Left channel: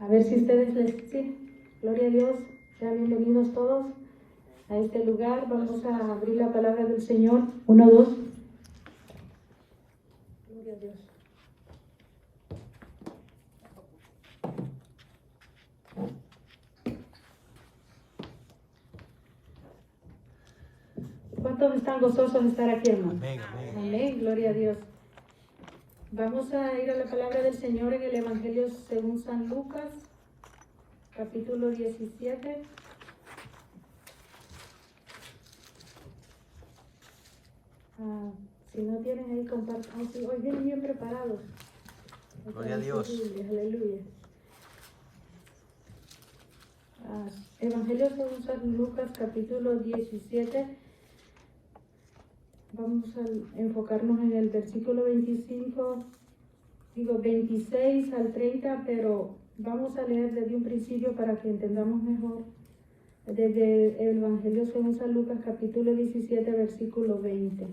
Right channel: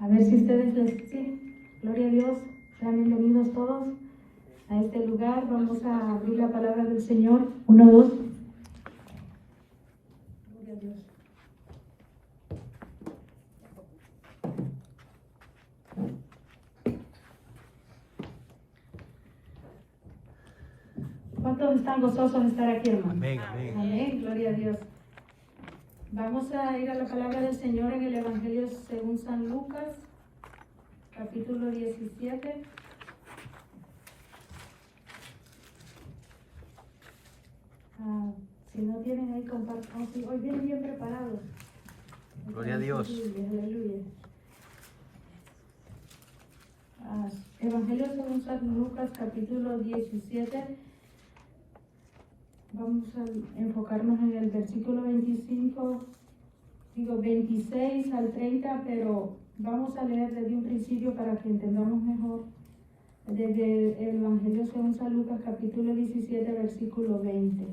A ver si ustedes les... Sí, gloria a Dios. Sean bienvenidos todos a este lugar. Vamos a abrir la palabra del Señor. 1, 2. Gloria a Dios. ¿Cuántos están gozosos de estar aquí, hermano? Amén, amén. Amén, gloria a Dios. Vamos a ir a la palabra del Señor en el Evangelio según San Lucas, capítulo 17. Si no tienen ahí, compartan. Si hoy vienen bien preparados. Gloria a Dios. Aleluya. Evangelio según San Lucas, capítulo 17. Vamos a enfocarnos en el versículo 26 al 30, pero vamos a leer desde un principio para que entendamos mejor. Desde el Evangelio según San Lucas, capítulo 17, versículo 20.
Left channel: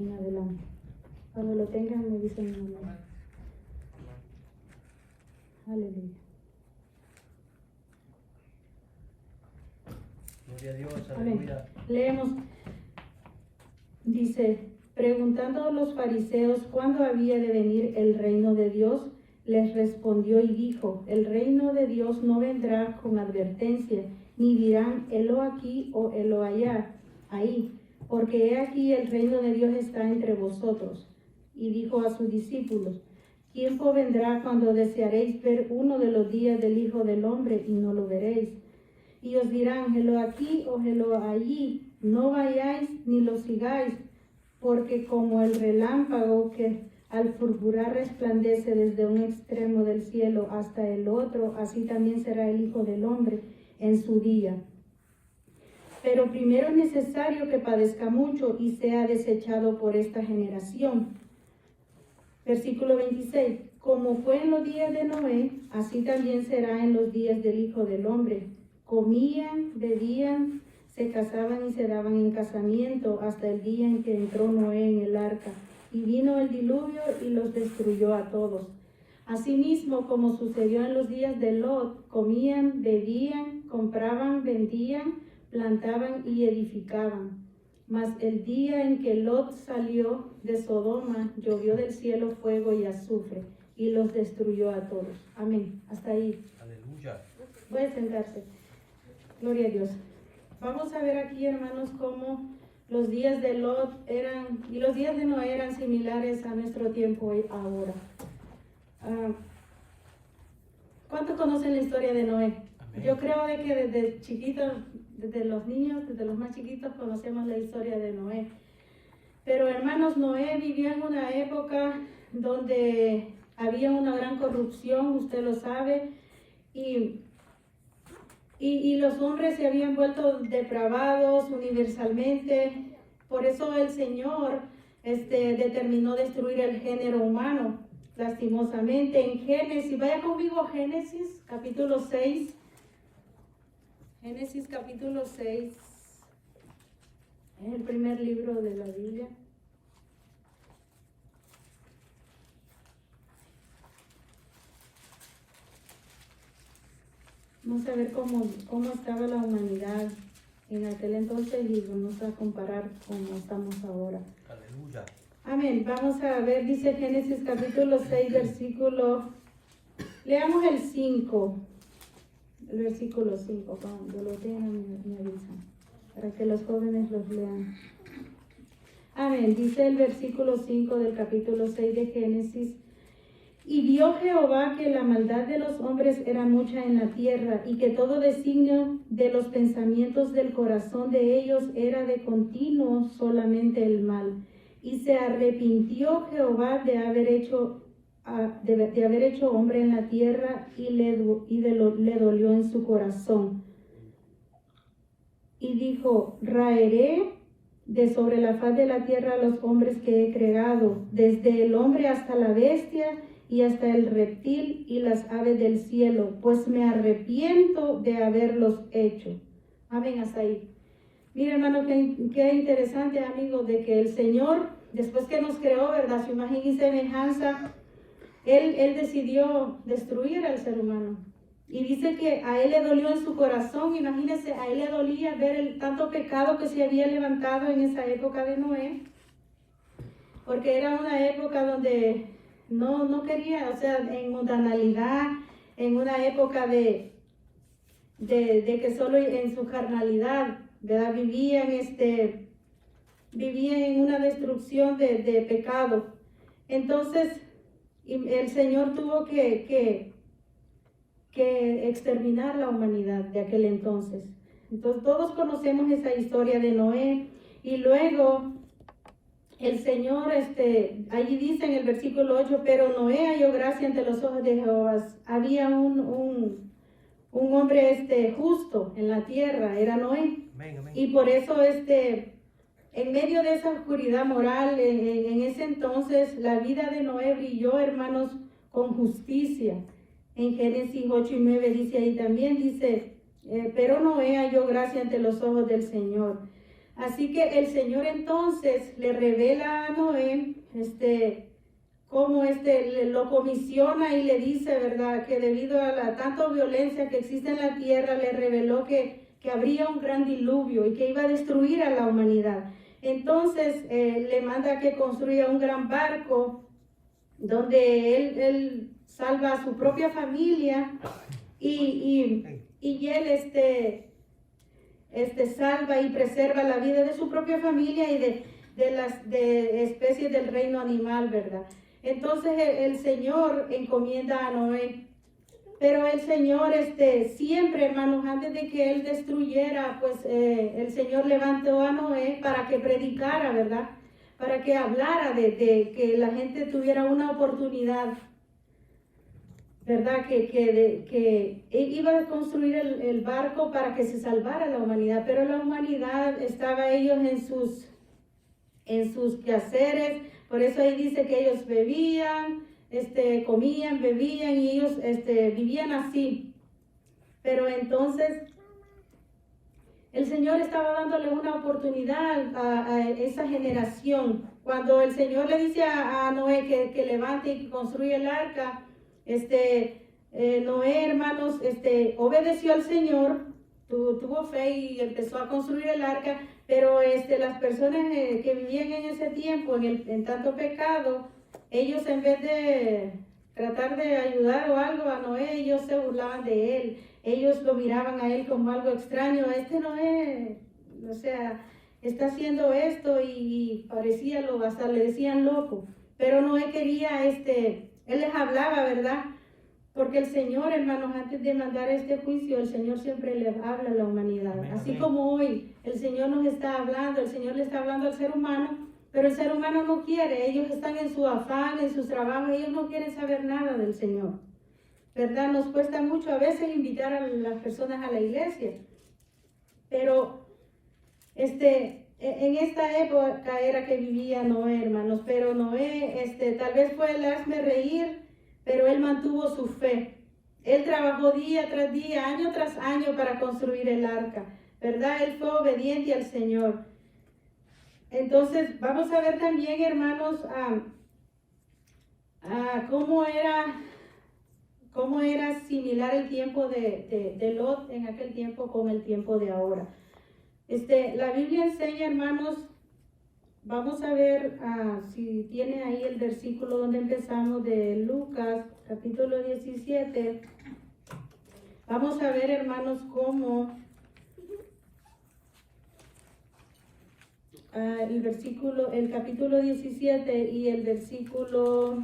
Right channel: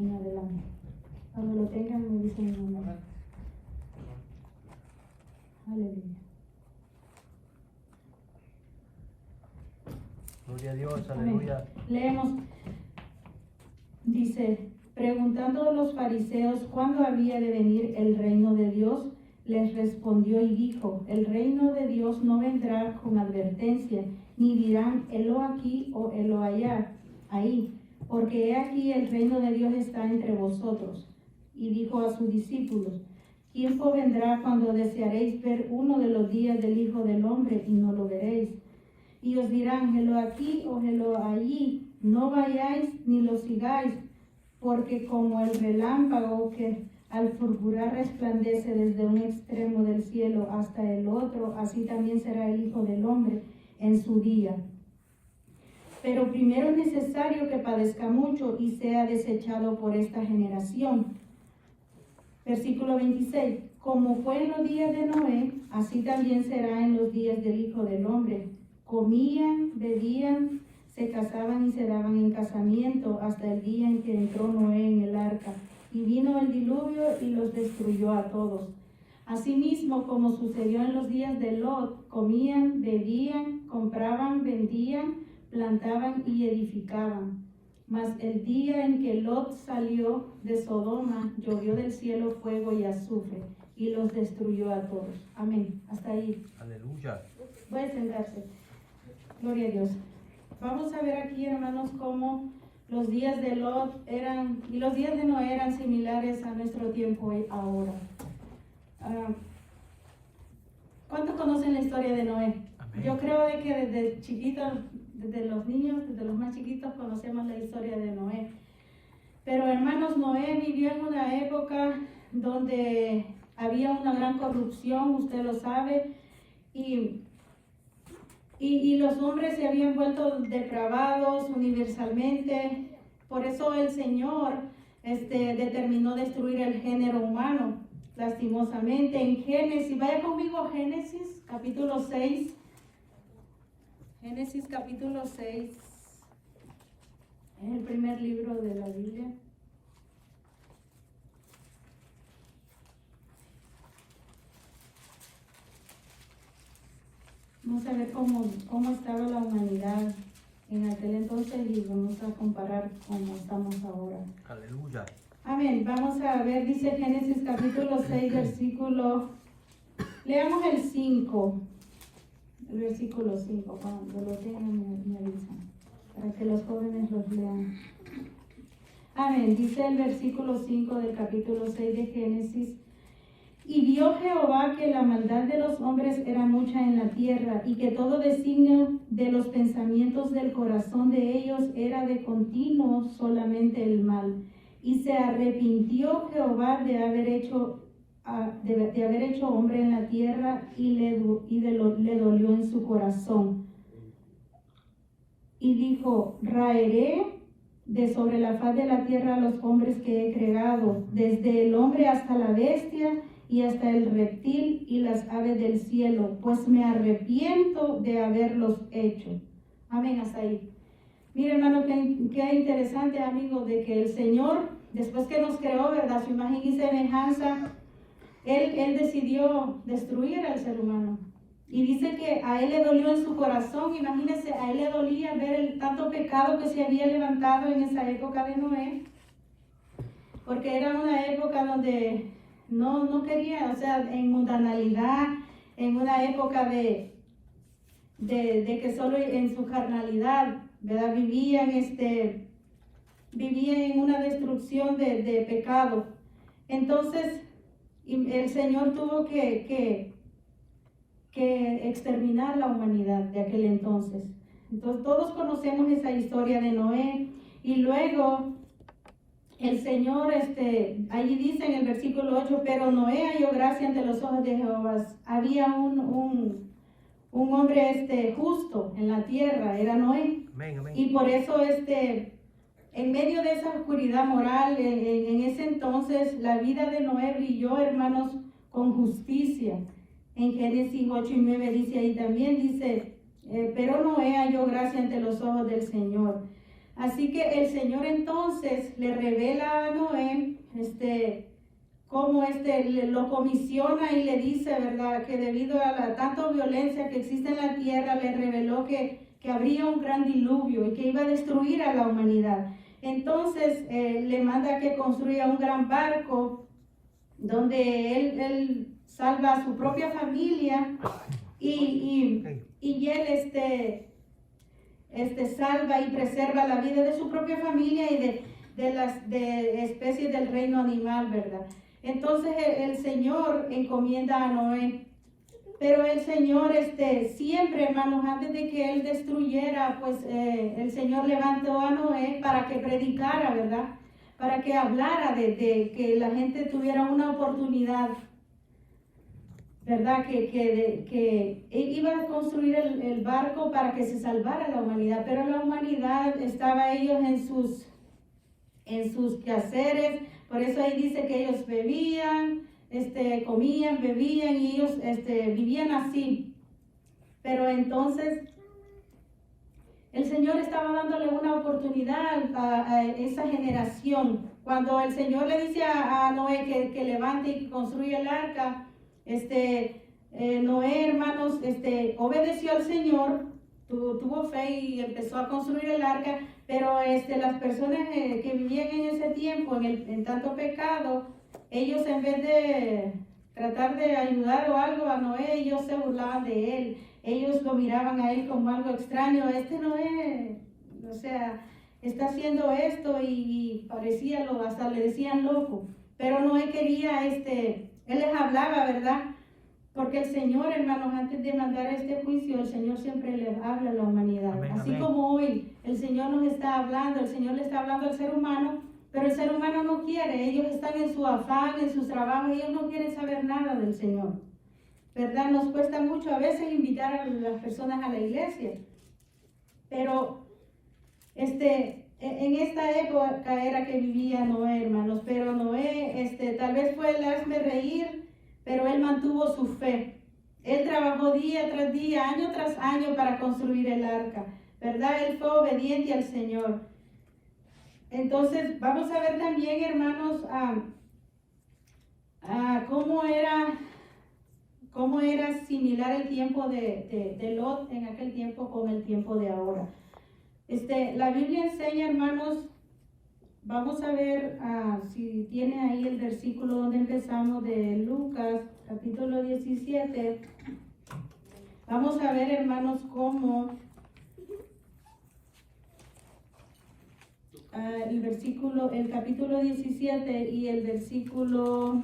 En adelante. Cuando lo tengan me dicen mi nombre. Aleluya. Gloria a Dios, aleluya. Leemos, dice, preguntando a los fariseos cuándo había de venir el reino de Dios, les respondió y dijo, el reino de Dios no vendrá con advertencia, ni dirán, helo aquí o helo allá, ahí, porque he aquí el reino de Dios está entre vosotros. Y dijo a sus discípulos, tiempo vendrá cuando desearéis ver uno de los días del Hijo del Hombre y no lo veréis. Y os dirán, helo aquí o helo allí, no vayáis ni lo sigáis, porque como el relámpago que al fulgurar resplandece desde un extremo del cielo hasta el otro, así también será el Hijo del Hombre en su día. Pero primero es necesario que padezca mucho y sea desechado por esta generación. Versículo 26. Como fue en los días de Noé, así también será en los días del Hijo del Hombre. Comían, bebían, se casaban y se daban en casamiento hasta el día en que entró Noé en el arca. Y vino el diluvio y los destruyó a todos. Asimismo, como sucedió en los días de Lot, comían, bebían, compraban, vendían, plantaban y edificaban. Mas el día en que Lot salió de Sodoma, llovió del cielo fuego y azufre, y los destruyó a todos. Amén. Hasta ahí. Aleluya. Puede sentarse. Gloria a Dios. Vamos a ver aquí, hermanos, cómo los días de Lot eran, y los días de Noé eran similares a nuestro tiempo y ahora. ¿Cuántos conocen la historia de Noé? Amén. Yo creo de que desde chiquitos, desde los niños, desde los más chiquitos, conocemos la historia de Noé. Pero hermanos, Noé vivió en una época donde había una gran corrupción, usted lo sabe, y los hombres se habían vuelto depravados universalmente. Por eso el Señor determinó destruir el género humano, lastimosamente. En Génesis, vaya conmigo a Génesis, capítulo 6. Génesis, capítulo 6. Es el primer libro de la Biblia. Vamos a ver cómo estaba la humanidad en aquel entonces y vamos a comparar cómo estamos ahora. Aleluya. Amén. Vamos a ver, dice Génesis capítulo 6, versículo... Leamos el 5. El versículo 5. Cuando lo tengan me avisan. Para que los jóvenes los lean. Amén. Dice el versículo 5 del capítulo 6 de Génesis. Y vio Jehová que la maldad de los hombres era mucha en la tierra, y que todo designio de los pensamientos del corazón de ellos era de continuo solamente el mal. Y se arrepintió Jehová de haber hecho hombre en la tierra, y le dolió en su corazón. Y dijo, raeré de sobre la faz de la tierra a los hombres que he creado, desde el hombre hasta la bestia, y hasta el reptil y las aves del cielo, pues me arrepiento de haberlos hecho. Amén, hasta ahí. Mira, hermano, qué interesante, amigo, de que el Señor, después que nos creó, ¿verdad?, su imagen y semejanza, él decidió destruir al ser humano. Y dice que a él le dolió en su corazón, imagínense, a él le dolía ver el tanto pecado que se había levantado en esa época de Noé, porque era una época donde no quería, o sea, en mundanalidad, en una época de que solo en su carnalidad, ¿verdad? Vivían en una destrucción de pecado. Entonces, el Señor tuvo que exterminar la humanidad de aquel entonces. Entonces, todos conocemos esa historia de Noé. Y luego, el Señor, allí dice en el versículo 8, pero Noé halló gracia ante los ojos de Jehová. Había un hombre justo en la tierra, era Noé. Amén, amén. Y por eso en medio de esa oscuridad moral, en ese entonces, la vida de Noé brilló, hermanos, con justicia. En Génesis 8 y 9 dice ahí también, dice, pero Noé halló gracia ante los ojos del Señor. Así que el Señor entonces le revela a Noé, cómo lo comisiona y le dice, ¿verdad?, que debido a la tanta violencia que existe en la tierra, le reveló que habría un gran diluvio y que iba a destruir a la humanidad. Entonces le manda que construya un gran barco donde él salva a su propia familia y él salva y preserva la vida de su propia familia y de las especies del reino animal, ¿verdad? Entonces el Señor encomienda a Noé. Pero el Señor siempre, hermanos, antes de que Él destruyera, pues el Señor levantó a Noé para que predicara, ¿verdad? Para que hablara de que la gente tuviera una oportunidad, ¿verdad? Que iba a construir el barco para que se salvara la humanidad, pero la humanidad estaba ellos en sus quehaceres. Por eso ahí dice que ellos bebían, comían, bebían y ellos vivían así. Pero entonces el Señor estaba dándole una oportunidad a esa generación. Cuando el Señor le dice a Noé que levante y que construya el arca, Noé, hermanos, obedeció al Señor, tuvo fe y empezó a construir el arca, pero las personas que vivían en ese tiempo en tanto pecado, ellos en vez de tratar de ayudar o algo a Noé, ellos se burlaban de él. Ellos lo miraban a él como algo extraño. Noé, o sea, está haciendo esto y parecía hasta le decían loco. Pero Noé quería, él les hablaba, ¿verdad? Porque el Señor, hermanos, antes de mandar este juicio, el Señor siempre les habla a la humanidad. Amén, Así amén. como hoy el Señor nos está hablando, el Señor le está hablando al ser humano, pero el ser humano no quiere. Ellos están en su afán, en sus trabajos, ellos no quieren saber nada del Señor, ¿verdad? Nos cuesta mucho a veces invitar a las personas a la iglesia, pero en esta época era que vivía Noé, hermanos, pero Noé, tal vez fue el hazme reír, pero él mantuvo su fe. Él trabajó día tras día, año tras año para construir el arca, ¿verdad? Él fue obediente al Señor. Entonces, vamos a ver también, hermanos, cómo era similar el tiempo de Lot en aquel tiempo con el tiempo de ahora. La Biblia enseña, hermanos, vamos a ver si tiene ahí el versículo donde empezamos de Lucas, capítulo 17. Vamos a ver, hermanos, cómo el capítulo 17 y el versículo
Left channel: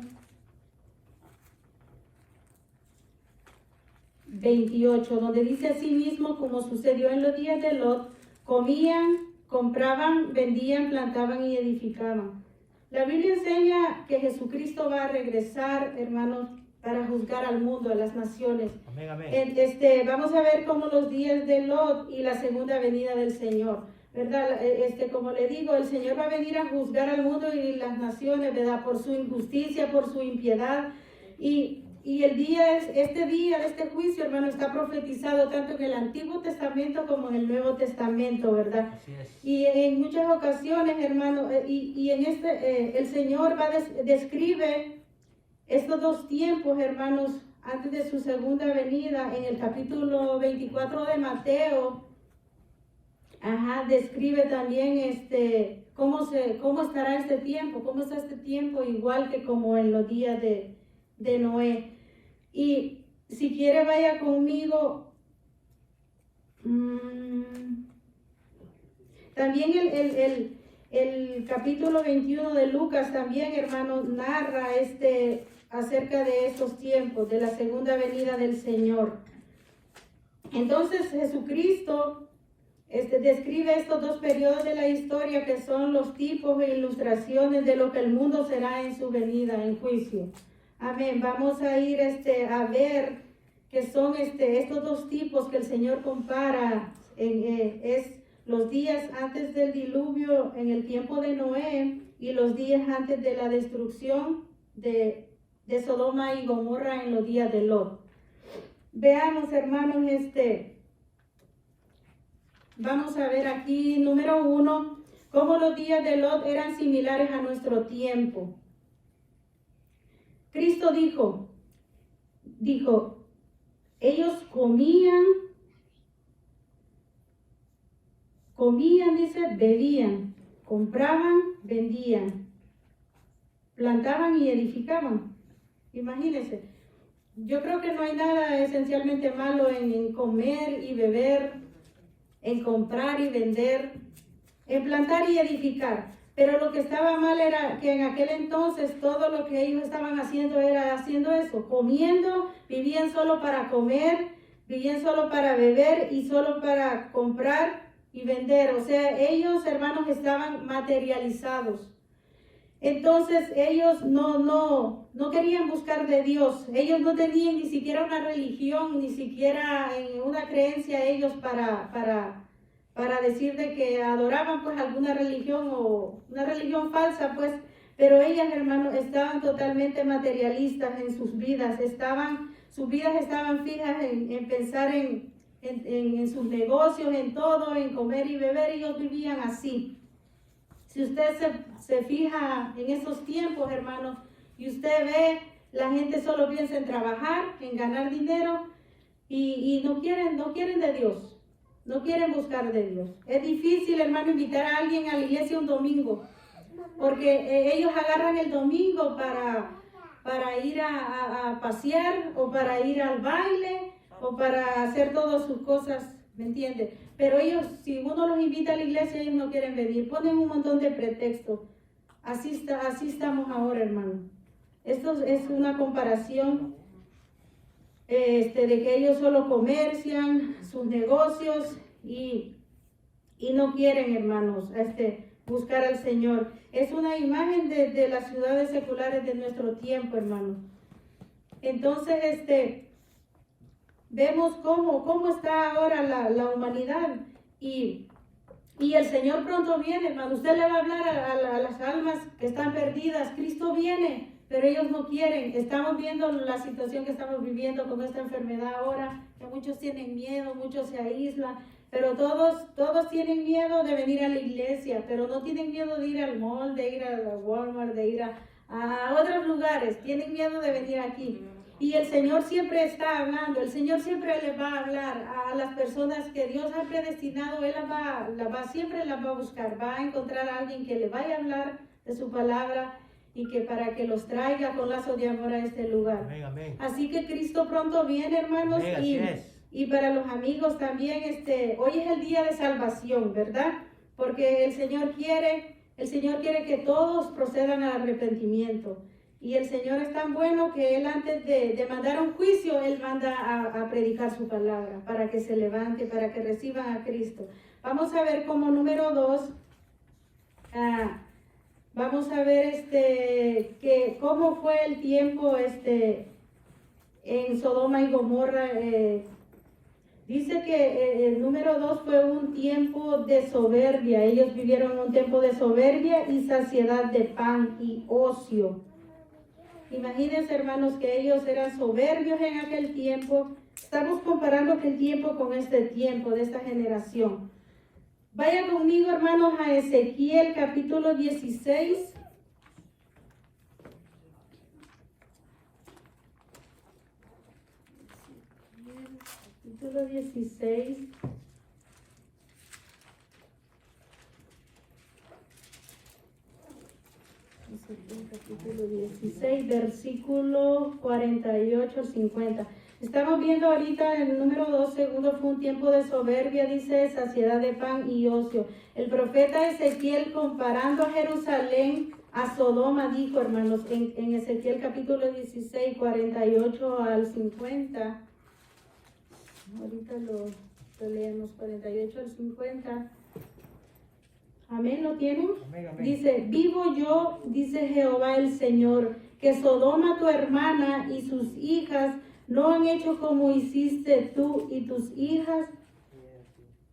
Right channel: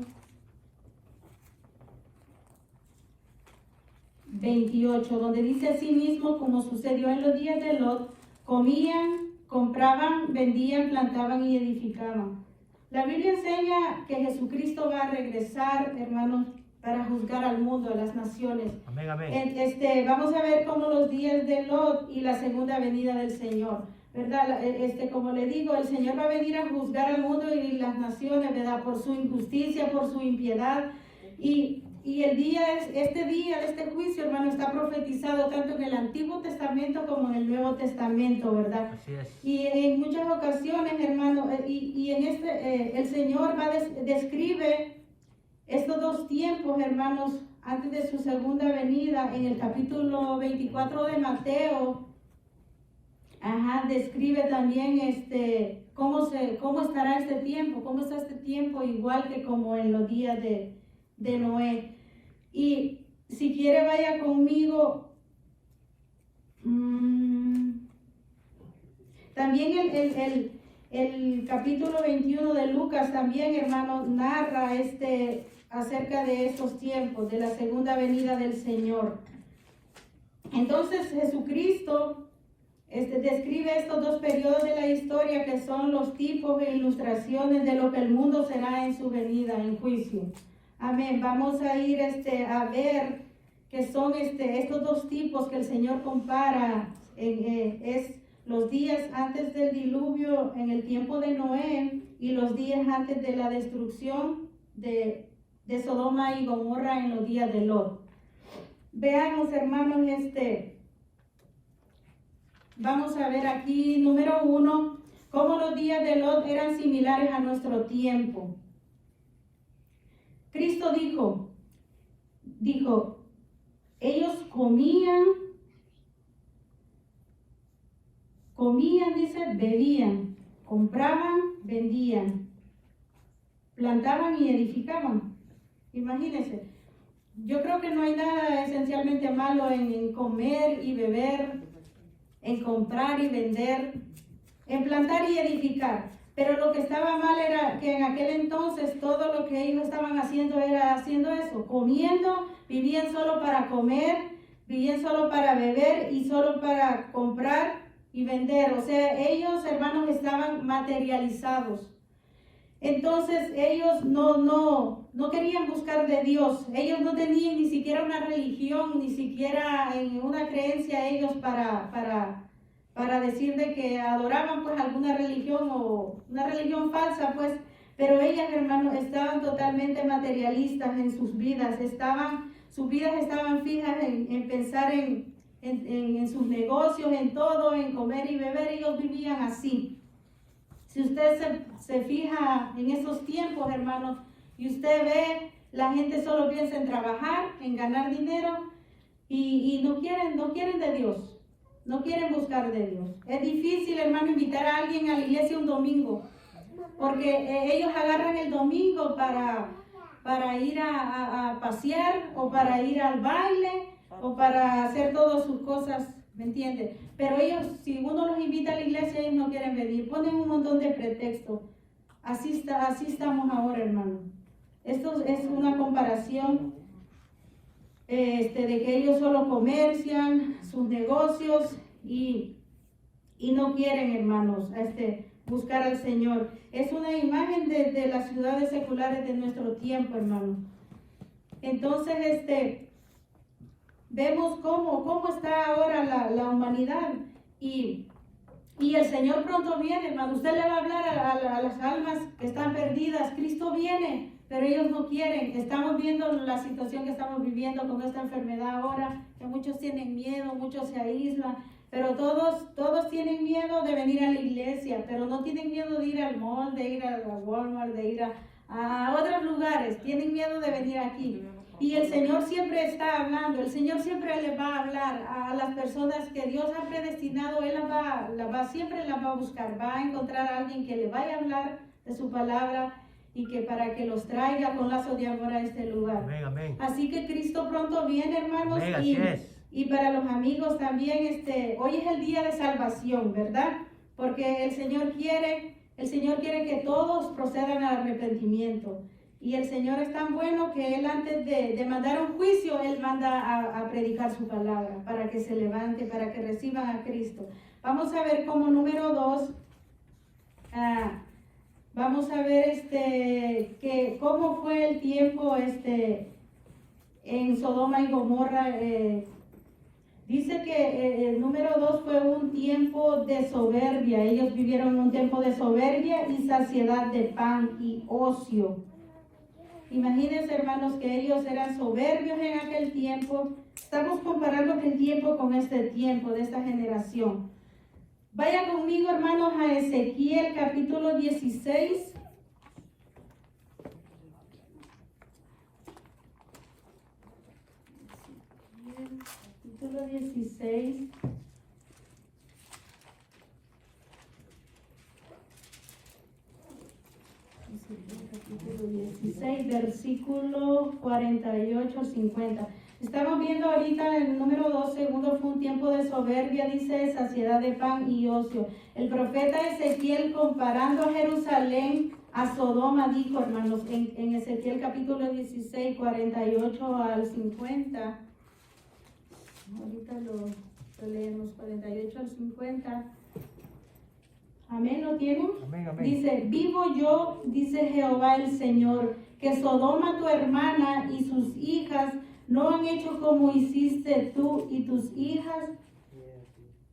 28, donde dice así mismo, como sucedió en los días de Lot, comían, compraban, vendían, plantaban y edificaban. La Biblia enseña que Jesucristo va a regresar, hermanos, para juzgar al mundo, a las naciones. Amén, amén. Vamos a ver cómo los días de Lot y la segunda venida del Señor, ¿verdad? Como le digo, el Señor va a venir a juzgar al mundo y las naciones, ¿verdad? Por su injusticia, por su impiedad. Y este juicio, hermano, está profetizado tanto en el Antiguo Testamento como en el Nuevo Testamento, ¿verdad? Así es. Y en muchas ocasiones, hermano, el Señor describe estos dos estos tiempos, hermanos, antes de su segunda venida, en el capítulo 24 de Mateo, describe también cómo estará este tiempo, cómo está este tiempo, igual que como en los días de Noé. Y si quiere, vaya conmigo. También el capítulo 21 de Lucas también, hermanos, narra acerca de estos tiempos, de la segunda venida del Señor. Entonces Jesucristo describe estos dos periodos de la historia que son los tipos e ilustraciones de lo que el mundo será en su venida, en juicio. Amén. Vamos a ir a ver que son estos dos tipos que el Señor compara. Es los días antes del diluvio en el tiempo de Noé y los días antes de la destrucción de Sodoma y Gomorra en los días de Lot. Veamos, hermanos, vamos a ver aquí, número 1, cómo los días de Lot eran similares a nuestro tiempo. Cristo dijo, ellos comían, dice, bebían, compraban, vendían, plantaban y edificaban. Imagínense, yo creo que no hay nada esencialmente malo en comer y beber, en comprar y vender, en plantar y edificar. Pero lo que estaba mal era que en aquel entonces todo lo que ellos estaban haciendo era haciendo eso, comiendo, vivían solo para comer, vivían solo para beber y solo para comprar y vender. O sea, ellos, hermanos, estaban materializados. Entonces ellos no querían buscar de Dios. Ellos no tenían ni siquiera una religión, ni siquiera en una creencia ellos para decir de que adoraban pues alguna religión o una religión falsa, pues, pero ellas, hermanos, estaban totalmente materialistas en sus vidas. Sus vidas estaban fijas en pensar en sus negocios, en todo, en comer y beber. Ellos vivían así. Si usted se fija en esos tiempos, hermanos, y usted ve, la gente solo piensa en trabajar, en ganar dinero y no quieren de Dios, no quieren buscar de Dios. Es difícil, hermano, invitar a alguien a la iglesia un domingo, porque ellos agarran el domingo para ir a pasear o para ir al baile o para hacer todas sus cosas, ¿me entiende? Pero ellos, si uno los invita a la iglesia, ellos no quieren venir, ponen un montón de pretextos. Así estamos ahora, hermano. Esto es una comparación de que ellos solo comercian sus negocios y no quieren, hermanos, buscar al Señor. Es una imagen de las ciudades seculares de nuestro tiempo, hermano. Entonces, vemos cómo está ahora la humanidad y el Señor pronto viene, hermano. Usted le va a hablar a las almas que están perdidas. Cristo viene, pero ellos no quieren. Estamos viendo la situación que estamos viviendo con esta enfermedad ahora, que muchos tienen miedo, muchos se aíslan, pero todos tienen miedo de venir a la iglesia, pero no tienen miedo de ir al mall, de ir a Walmart, de ir a otros lugares. Tienen miedo de venir aquí. Y el Señor siempre está hablando, el Señor siempre les va a hablar a las personas que Dios ha predestinado. Él siempre las va a buscar, va a encontrar a alguien que le vaya a hablar de su palabra y que para que los traiga con lazos de amor a este lugar. Amén, amén. Así que Cristo pronto viene, hermanos, Amén, y para los amigos también, hoy es el día de salvación, ¿verdad? Porque el Señor quiere que todos procedan al arrepentimiento. Y el Señor es tan bueno que Él, antes de mandar un juicio, Él manda a predicar su palabra para que se levante, para que reciban a Cristo. Vamos a ver como número 2, vamos a ver cómo fue el tiempo en Sodoma y Gomorra. Dice que el número 2 fue un tiempo de soberbia. Ellos vivieron un tiempo de soberbia y saciedad de pan y ocio. Imagínense, hermanos, que ellos eran soberbios en aquel tiempo. Estamos comparando aquel tiempo con este tiempo de esta generación. Vaya conmigo, hermanos, a Ezequiel capítulo 16. capítulo 16. Ezequiel capítulo 16, versículo 48 al 50. Estamos viendo ahorita el número 2, segundo fue un tiempo de soberbia, dice saciedad de pan y ocio. El profeta Ezequiel comparando a Jerusalén a Sodoma dijo, hermanos, en Ezequiel capítulo 16, 48 al 50. Ahorita lo leemos, 48 al 50. Amén, ¿lo tienen? Amén, amén. Dice, vivo yo, dice Jehová el Señor, que Sodoma tu hermana y sus hijas no han hecho como hiciste tú y tus hijas.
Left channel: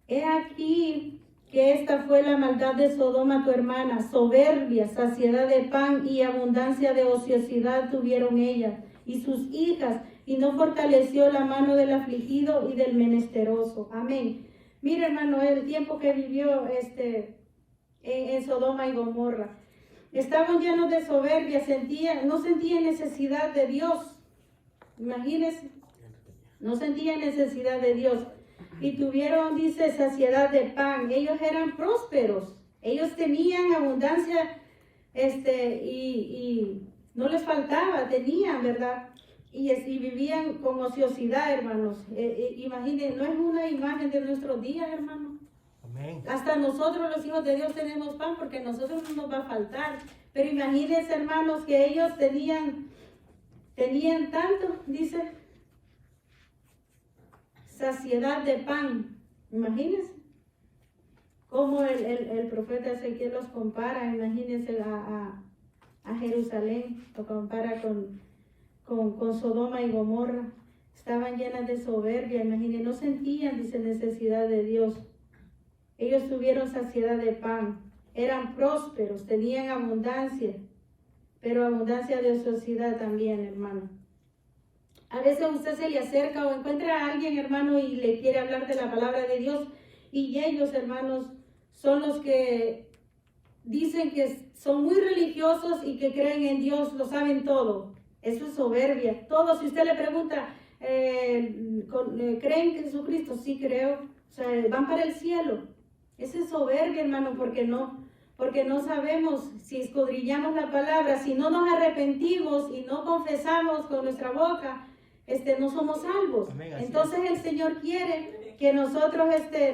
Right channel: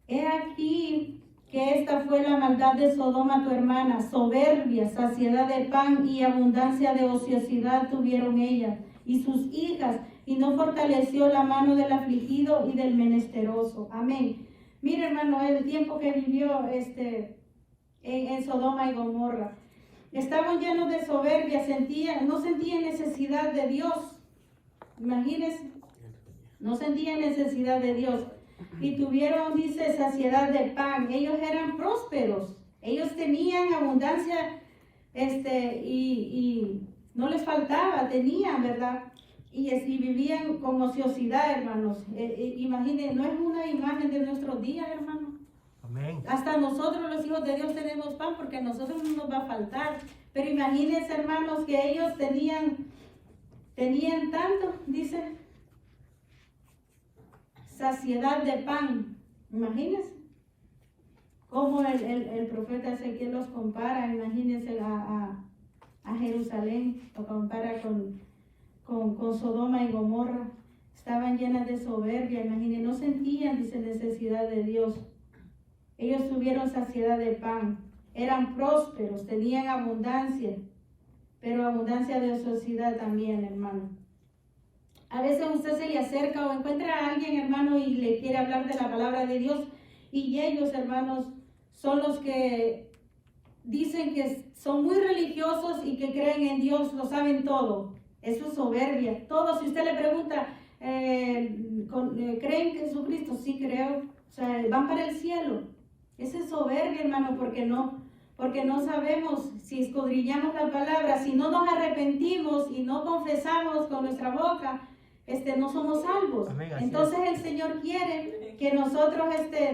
He aquí que esta fue la maldad de Sodoma tu hermana, soberbia, saciedad de pan y abundancia de ociosidad tuvieron ellas y sus hijas, y no fortaleció la mano del afligido y del menesteroso. Amén. Mira, hermano, el tiempo que vivió en Sodoma y Gomorra. Estaban llenos de soberbia, no sentían necesidad de Dios. Imagínense, no sentían necesidad de Dios. Y tuvieron, dice, saciedad de pan. Ellos eran prósperos. Ellos tenían abundancia, y no les faltaba, tenían, ¿verdad? Y vivían con ociosidad, hermanos. Imagínense, no es una imagen de nuestros días, hermanos. Amén. Hasta nosotros los hijos de Dios tenemos pan porque a nosotros no nos va a faltar. Pero imagínense, hermanos, que ellos tenían tanto, dice, saciedad de pan. Imagínense cómo el profeta Ezequiel los compara. Imagínense a Jerusalén, lo compara con Sodoma y Gomorra. Estaban llenas de soberbia, imagínense, no sentían, dice, necesidad de Dios. Ellos tuvieron saciedad de pan, eran prósperos, tenían abundancia, pero abundancia de ociosidad también, hermano. A veces usted se le acerca o encuentra a alguien, hermano, y le quiere hablar de la palabra de Dios, y ellos, hermanos, son los que dicen que son muy religiosos y que creen en Dios, lo saben todo. Eso es soberbia. Todo, si usted le pregunta, ¿creen en Jesucristo? Sí, creo. O sea, van para el cielo. Esa es soberbia, hermano, porque no sabemos si escudriñamos la palabra, si no nos arrepentimos y no confesamos con nuestra boca, no somos salvos. Amén, entonces el Señor quiere que nosotros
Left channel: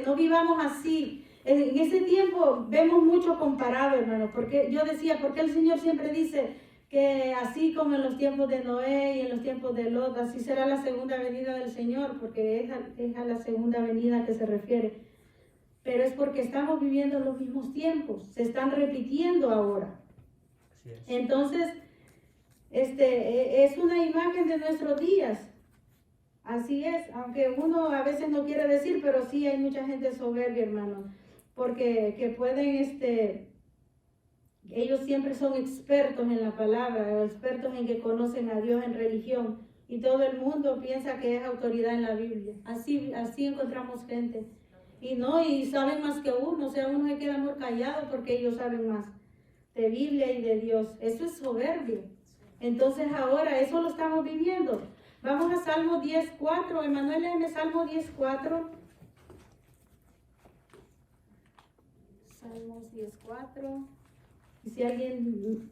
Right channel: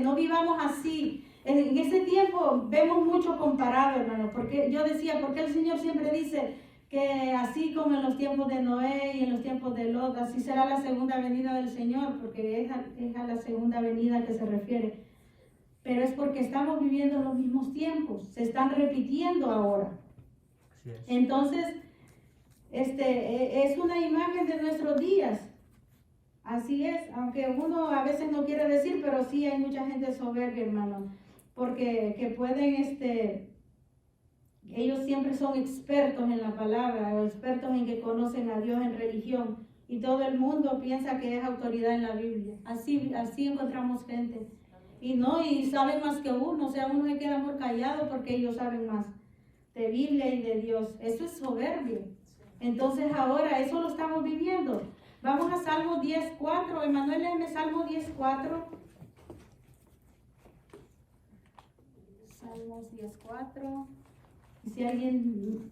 no vivamos así. En ese tiempo vemos mucho comparado, hermano, porque yo decía, porque el Señor siempre dice que así como en los tiempos de Noé y en los tiempos de Lot, así será la segunda venida del Señor, porque es a la segunda venida que se refiere. Pero es porque estamos viviendo los mismos tiempos, se están repitiendo ahora. Así es. Entonces, es una imagen de nuestros días. Así es, aunque uno a veces no quiere decir, pero sí hay mucha gente soberbia, hermano, porque que pueden, ellos siempre son expertos en la palabra, o expertos en que conocen a Dios en religión, y todo el mundo piensa que es autoridad en la Biblia. Así encontramos gente. Y saben más que uno, o sea, uno se queda muy callado porque ellos saben más de Biblia y de Dios. Eso es soberbia. Entonces ahora eso lo estamos viviendo. Vamos a Salmo 10:4. Emanuel, léeme Salmo 10:4. Salmos 10:4. Y si alguien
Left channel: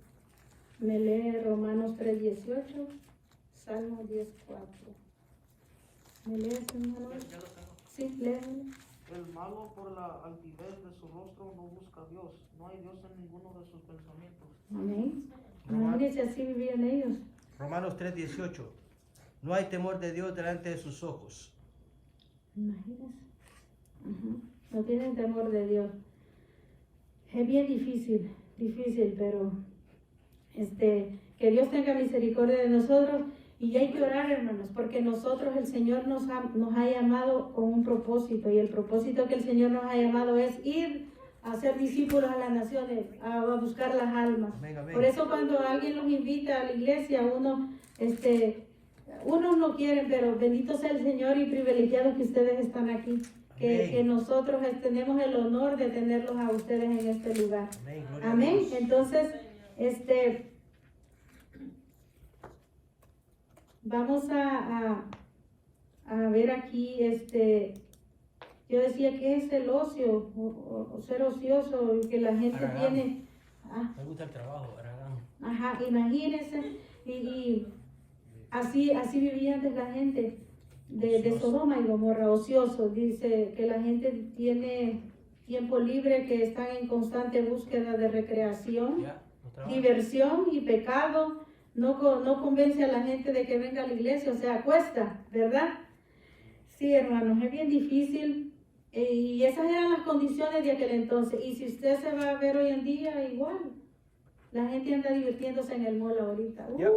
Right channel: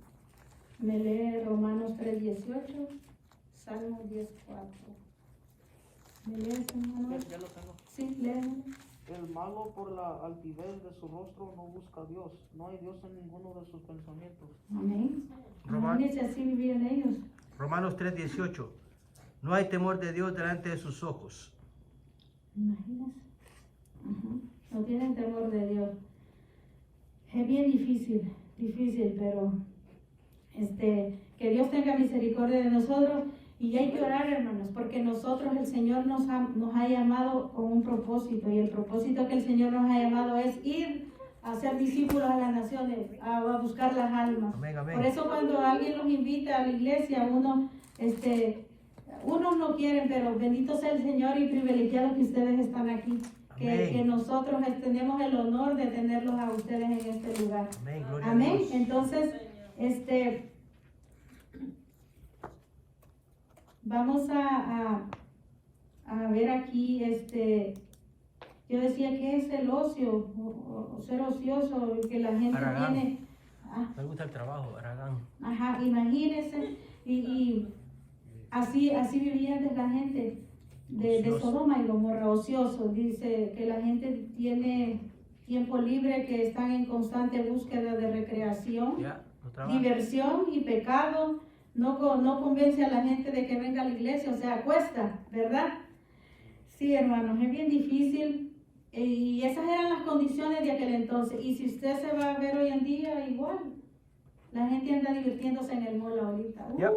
me lee Romanos 3:18. Salmo 10:4. ¿Me lees, hermano? Sí, léeme. El malo por la altivez de su rostro no busca a Dios. No hay Dios en ninguno de sus pensamientos. Amén. Imagínense, así vivían ellos. Romanos 3:18. No hay temor de Dios delante de sus ojos. Imagínense. No tienen temor de Dios. Es bien difícil, pero que Dios tenga misericordia de nosotros. Y hay que orar, hermanos, porque nosotros, el Señor nos ha llamado con un propósito, y el propósito que el Señor nos ha llamado es ir a ser discípulos a las naciones, a buscar las almas. Amén, amén. Por eso cuando alguien los invita a la iglesia, unos no quieren, pero bendito sea el Señor y privilegiado que ustedes están aquí. Que nosotros tenemos el honor de tenerlos a ustedes en este lugar. Amén, gloria Amén. a Dios. Entonces, vamos a ver aquí, yo decía que es el ocio, o ser ocioso, que la gente Aragán. tiene. Me gusta el trabajo, Aragán. Ajá, imagínense, y así vivía antes la gente de Ocioso. Sodoma y Gomorra, ocioso. Dice que la gente tiene tiempo libre, que están en constante búsqueda de recreación, Ya, no trabaja. diversión y pecado. No convence a la gente de que venga a la iglesia, o sea, cuesta, ¿verdad? Sí, hermanos, es bien difícil. Y esas eran las condiciones de aquel entonces. Y si usted se va a ver hoy en día, igual. La gente anda divirtiéndose en el mall ahorita. Yep.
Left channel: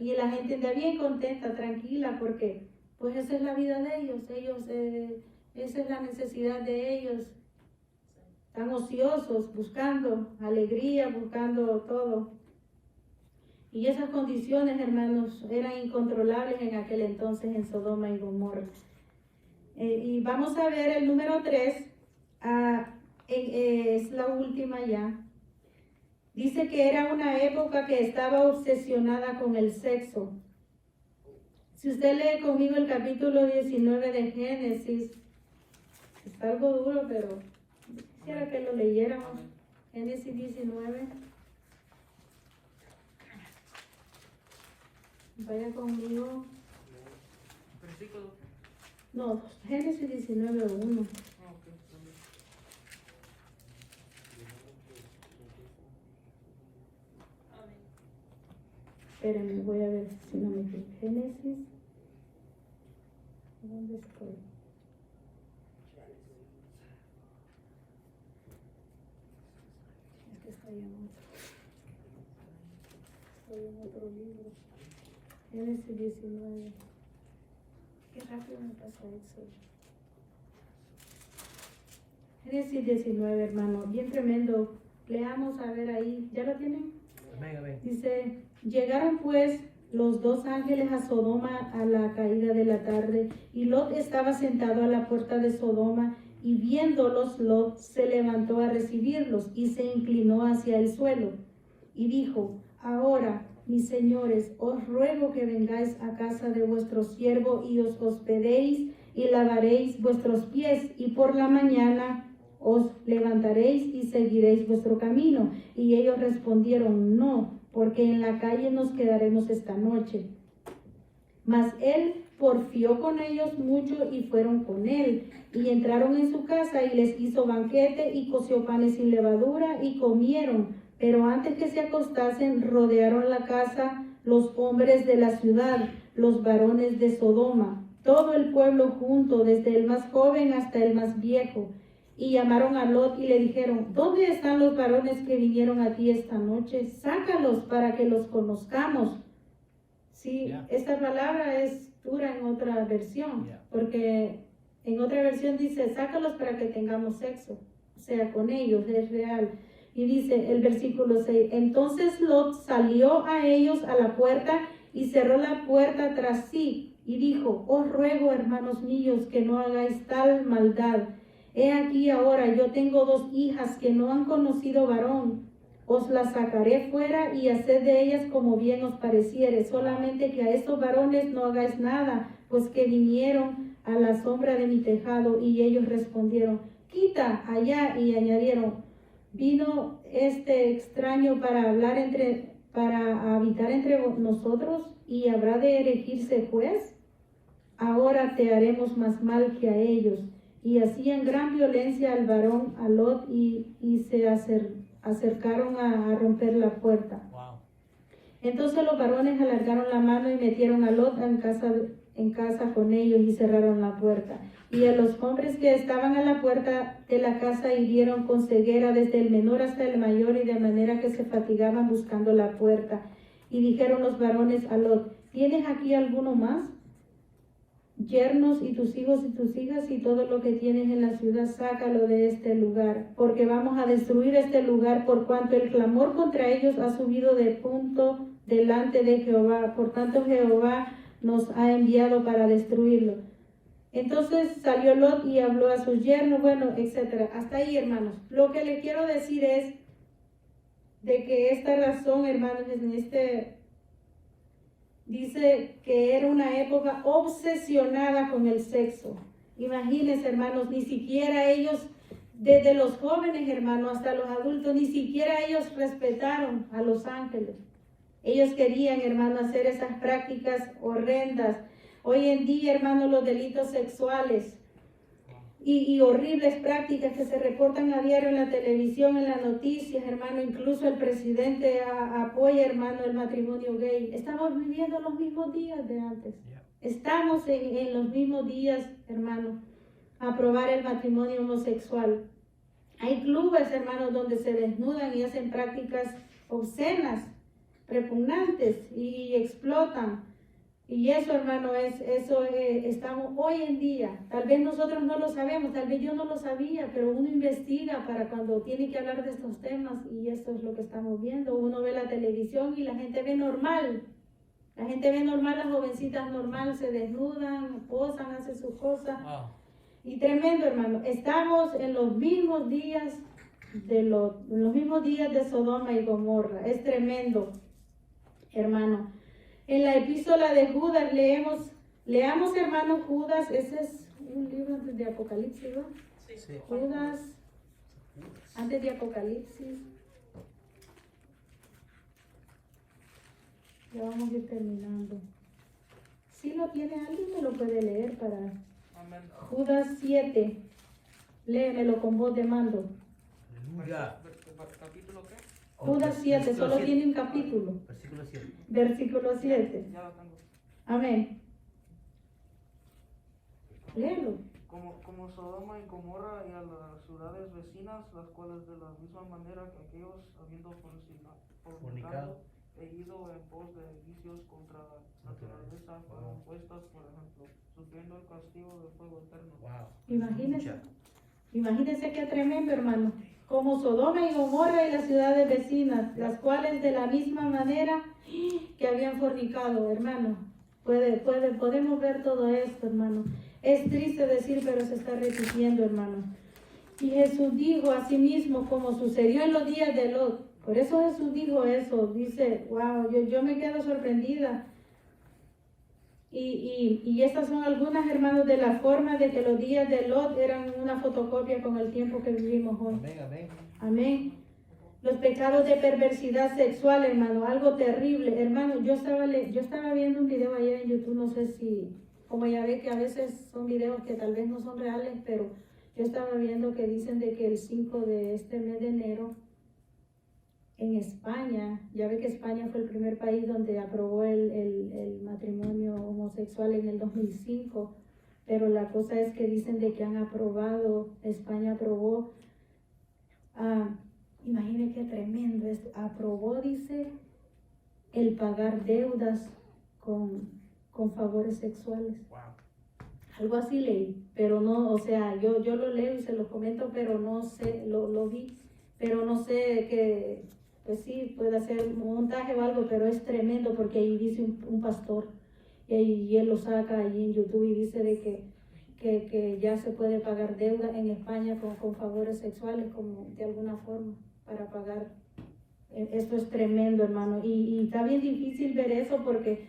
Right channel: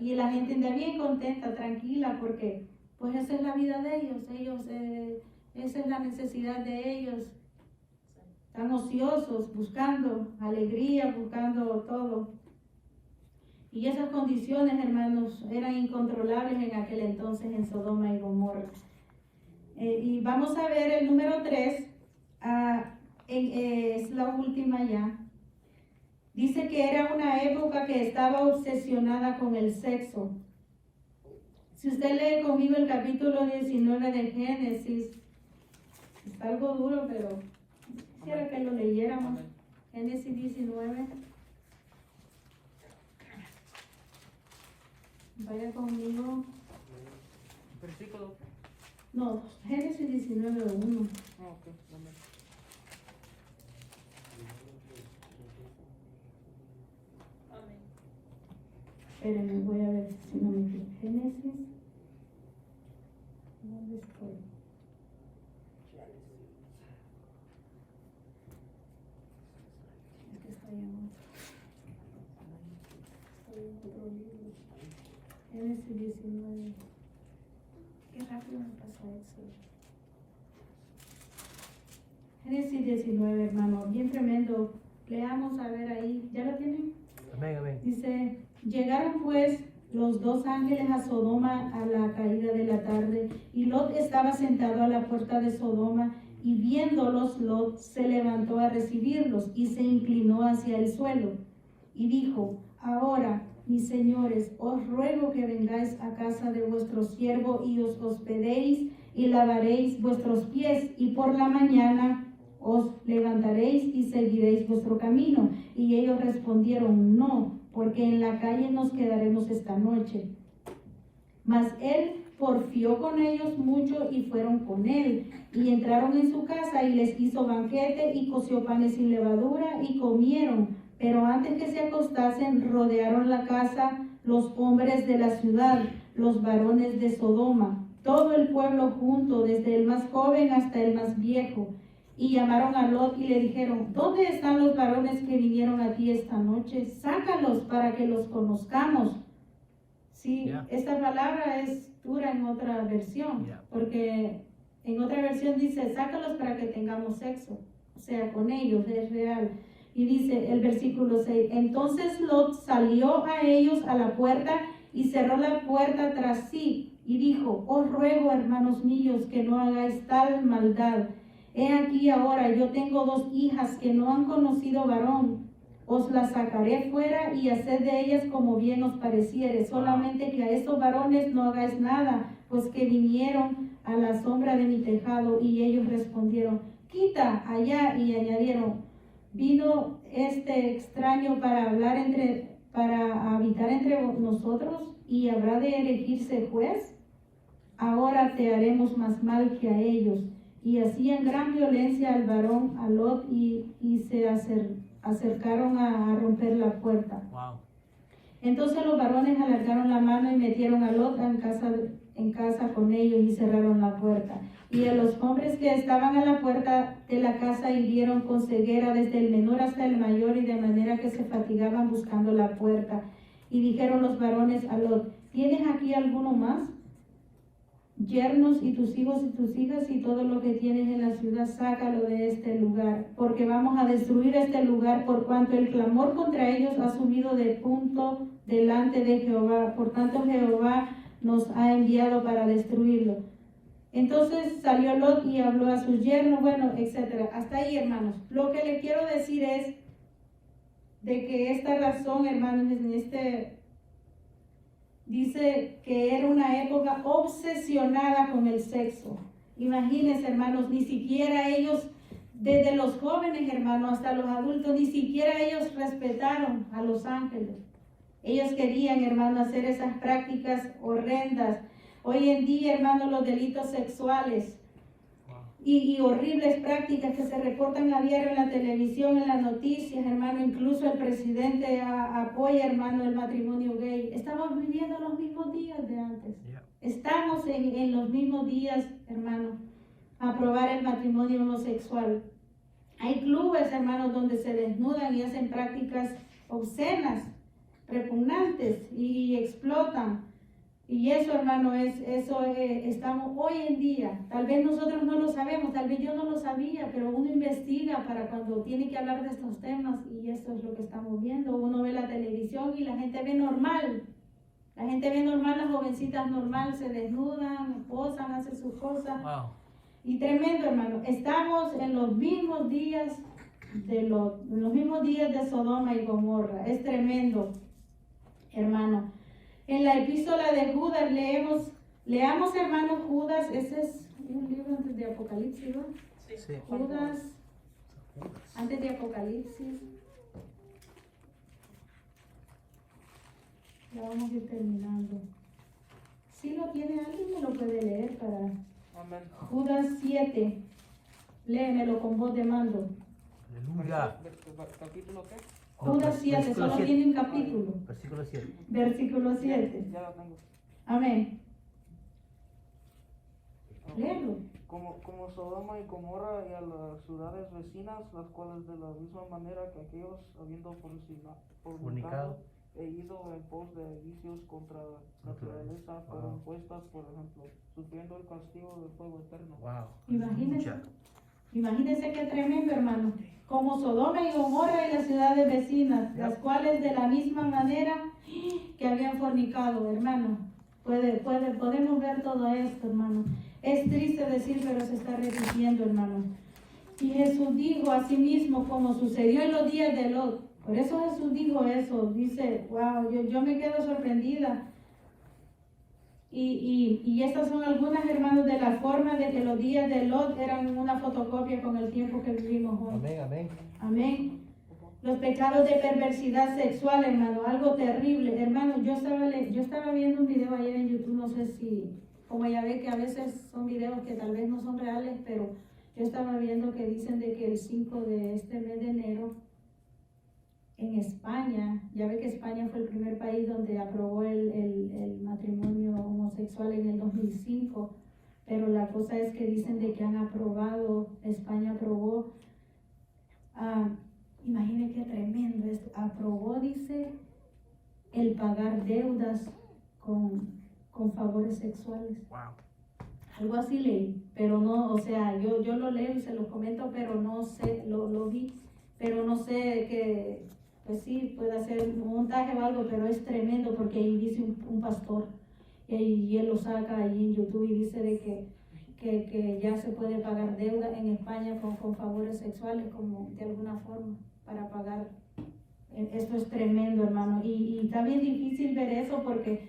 Y la gente anda bien contenta, tranquila, porque pues esa es la vida de ellos. Esa es la necesidad de ellos. Están ociosos, buscando alegría, buscando todo. Y esas condiciones, hermanos, eran incontrolables en aquel entonces en Sodoma y Gomorra. Y vamos a ver el número 3, es la última ya. Dice que era una época que estaba obsesionada con el sexo. Si usted lee conmigo el capítulo 19 de Génesis, está algo duro, pero quisiera que lo leyéramos. Génesis 19. Vaya conmigo. Versículo. No, Génesis 19, 1. Espérenme, voy a ver si no me equivoco. Génesis. ¿Dónde estoy? Es que estoy en otro libro. Génesis 19. Qué rápido me pasa eso. Génesis 19, hermano, bien tremendo. Leamos a ver ahí. ¿Ya lo tienen? Amén, amén. Dice, llegaron pues los dos ángeles a Sodoma a la caída de la tarde, y Lot estaba sentado a la puerta de Sodoma, y viéndolos Lot se levantó a recibirlos y se inclinó hacia el suelo y dijo, ahora, mis señores, os ruego que vengáis a casa de vuestro siervo y os hospedéis y lavaréis vuestros pies, y por la mañana os levantaréis y seguiréis vuestro camino. Y ellos respondieron, no, porque en la calle nos quedaremos esta noche. Mas él porfió con ellos mucho y fueron con él. Y entraron en su casa y les hizo banquete y coció panes sin levadura y comieron. Pero antes que se acostasen, rodearon la casa los hombres de la ciudad, los varones de Sodoma, todo el pueblo junto, desde el más joven hasta el más viejo. Y llamaron a Lot y le dijeron, ¿dónde están los varones que vinieron a ti esta noche? Sácalos para que los conozcamos. Sí, Yeah. Esta palabra es dura en otra versión, Yeah. porque en otra versión dice, sácalos para que tengamos sexo. O sea, con ellos, es real. Y dice el versículo 6, entonces Lot salió a ellos a la puerta y cerró la puerta tras sí. Y dijo, os ruego, hermanos míos, que no hagáis tal maldad. He aquí ahora, yo tengo 2 hijas que no han conocido varón. Os las sacaré fuera y haced de ellas como bien os pareciere. Solamente que a estos varones no hagáis nada, pues que vinieron a la sombra de mi tejado. Y ellos respondieron, quita allá. Y añadieron, vino este extraño para habitar entre nosotros, y habrá de erigirse juez. Ahora te haremos más mal que a ellos. Y hacían gran violencia al varón, a Lot, y se acercaron a romper la puerta. Wow. Entonces los varones alargaron la mano y metieron a Lot en casa con ellos y cerraron la puerta. Y a los hombres que estaban a la puerta de la casa hirieron con ceguera desde el menor hasta el mayor, y de manera que se fatigaban buscando la puerta. Y dijeron los varones a Lot, ¿tienes aquí alguno más? Yernos y tus hijos y tus hijas y todo lo que tienes en la ciudad, sácalo de este lugar, porque vamos a destruir este lugar, por cuanto el clamor contra ellos ha subido de punto delante de Jehová. Por tanto Jehová nos ha enviado para destruirlo. Entonces salió Lot y habló a sus yernos, bueno, etcétera. Hasta ahí, hermanos. Lo que le quiero decir es de que esta razón, hermanos, dice que era una época obsesionada con el sexo. Imagínense, hermanos, ni siquiera ellos, desde los jóvenes, hermanos, hasta los adultos, ni siquiera ellos respetaron a los ángeles. Ellos querían, hermanos, hacer esas prácticas horrendas. Hoy en día, hermanos, los delitos sexuales y horribles prácticas que se reportan a diario en la televisión, en las noticias, hermano, incluso el presidente apoya, hermano, el matrimonio gay. Estamos viviendo los mismos días de antes. Estamos en los mismos días, hermano, a aprobar el matrimonio homosexual. Hay clubes, hermanos, donde se desnudan y hacen prácticas obscenas, repugnantes y explotan. Y eso, hermano, estamos hoy en día. Tal vez nosotros no lo sabemos, tal vez yo no lo sabía, pero uno investiga para cuando tiene que hablar de estos temas y esto es lo que estamos viendo. Uno ve la televisión y la gente ve normal. La gente ve normal, las jovencitas normal, se desnudan, posan, hacen sus cosas. Wow. Y tremendo, hermano. Estamos en los mismos días de Sodoma y Gomorra. Es tremendo, hermano. En la epístola de Judas leamos, hermano, Judas. Ese es un libro antes de Apocalipsis, ¿no? Sí. Judas, antes de Apocalipsis. Ya vamos a ir terminando. Si lo tiene alguien, me lo puede leer para Judas 7. Léemelo con voz de mando. Aleluya. Judas 7, solo 7. Tiene un capítulo. Versículo 7. Versículo 7. Amén. Léelo. Como Sodoma y Gomorra y a las ciudades vecinas, las cuales de la misma manera que aquellos, habiendo fornicado e ido en pos de vicios contra la naturaleza, fueron puestas, por ejemplo, sufriendo el castigo del fuego eterno. Wow. Imagínense qué tremendo, hermano. Como Sodoma y Gomorra y las ciudades vecinas, las cuales de la misma manera que habían fornicado, hermano. Podemos ver todo esto, hermano. Es triste decir, pero se está repitiendo, hermano. Y Jesús dijo a sí mismo, como sucedió en los días de Lot. Por eso Jesús dijo eso. Dice, wow, yo me quedo sorprendida. Y estas son algunas, hermanos, de la forma de que los días de Lot eran una fotocopia con el tiempo que vivimos hoy. Amén, amén. Amén. Los pecados de perversidad sexual, hermano, algo terrible. Hermano, yo estaba viendo un video ayer en YouTube, no sé si, como ya ve que a veces son videos que tal vez no son reales, pero yo estaba viendo que dicen de que el 5 de este mes de enero, en España, ya ve que España fue el primer país donde aprobó el matrimonio homosexual en el 2005, pero la cosa es que dicen de que han aprobado, España aprobó, imaginen qué tremendo es, aprobó, dice, el pagar deudas con favores sexuales. Wow. Algo así leí, pero no, o sea, yo lo leo y se lo comento, pero no sé, lo vi, pero no sé que... Pues sí, puede hacer un montaje o algo, pero es tremendo porque ahí dice un pastor y él lo saca allí en YouTube y dice de que ya se puede pagar deuda en España con favores sexuales como de alguna forma para pagar. Esto es tremendo, hermano, y está bien difícil ver eso porque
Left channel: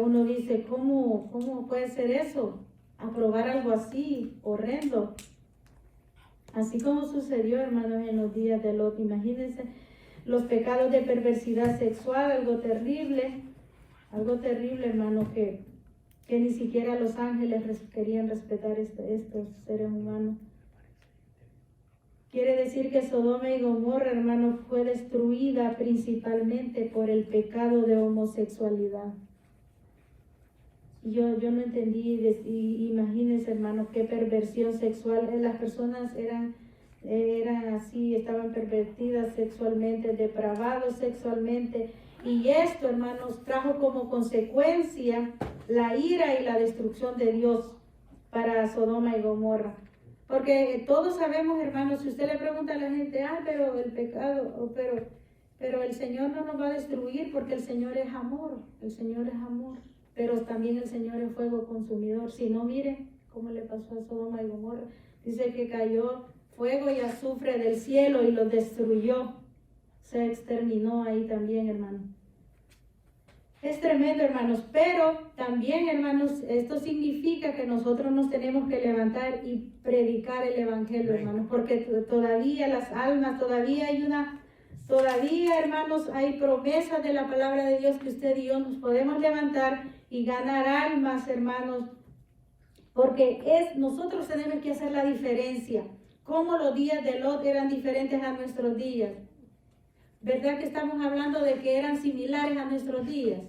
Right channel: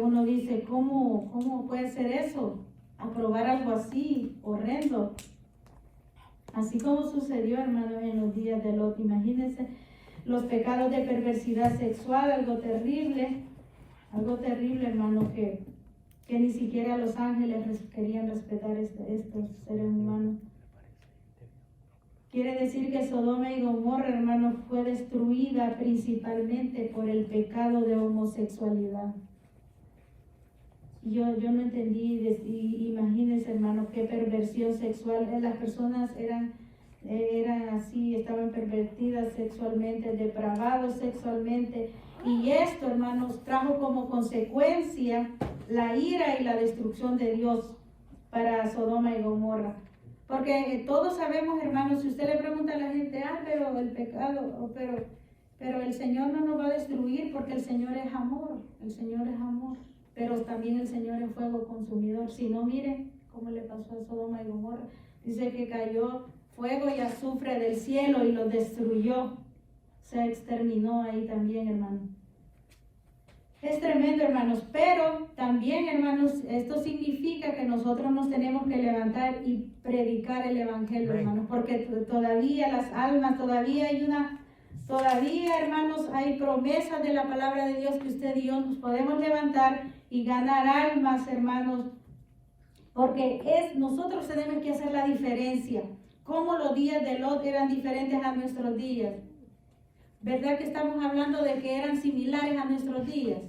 uno dice, ¿cómo puede ser eso? Aprobar algo así, horrendo. Así como sucedió, hermanos, en los días de Lot, imagínense. Los pecados de perversidad sexual, algo terrible, hermano, que ni siquiera los ángeles querían respetar estos seres humanos. Quiere decir que Sodoma y Gomorra, hermano, fue destruida principalmente por el pecado de homosexualidad. Yo no entendí, imagínense, hermano, qué perversión sexual. Las personas eran así, estaban pervertidas sexualmente, depravados sexualmente, y esto, hermanos, trajo como consecuencia la ira y la destrucción de Dios para Sodoma y Gomorra. Porque todos sabemos, hermanos, si usted le pregunta a la gente, pero el pecado, pero el Señor no nos va a destruir porque el Señor es amor, pero también el Señor es fuego consumidor. Si no, miren cómo le pasó a Sodoma y Gomorra. Dice que cayó fuego y azufre del cielo y los destruyó. Se exterminó ahí también, hermano. Es tremendo, hermanos, pero también, hermanos, esto significa que nosotros nos tenemos que levantar y predicar el evangelio, hermanos, porque todavía las almas, todavía, hermanos, hay promesas de la palabra de Dios que usted y yo nos podemos levantar y ganar almas, hermanos, porque nosotros tenemos que hacer la diferencia, como los días de Lot eran diferentes a nuestros días. ¿Verdad que estamos hablando de que eran similares a nuestros días?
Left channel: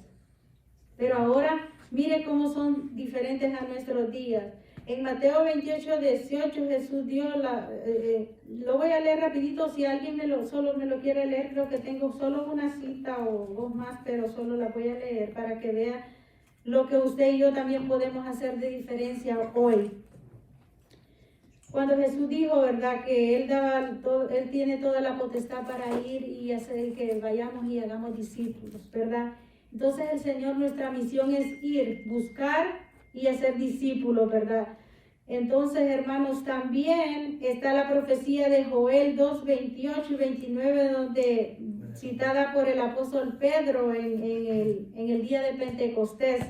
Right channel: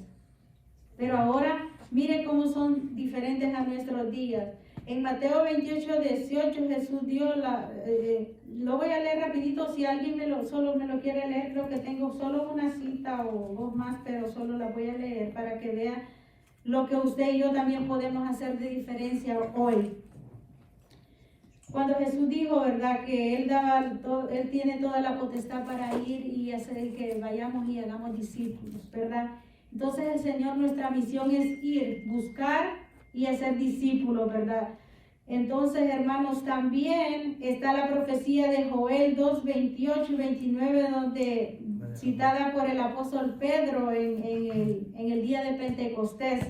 Pero ahora, mire cómo son diferentes a nuestros días. En Mateo 28, 18, Jesús dio lo voy a leer rapidito, si alguien solo me lo quiere leer, creo que tengo solo una cita o dos más, pero solo la voy a leer para que vea lo que usted y yo también podemos hacer de diferencia hoy. Cuando Jesús dijo, ¿verdad?, que Él tiene toda la potestad para ir y hacer que vayamos y hagamos discípulos, ¿verdad? Entonces el Señor, nuestra misión es ir, buscar y hacer discípulos, ¿verdad? Entonces, hermanos, también está la profecía de Joel 2, 28 y 29, donde citada por el apóstol Pedro en el día de Pentecostés.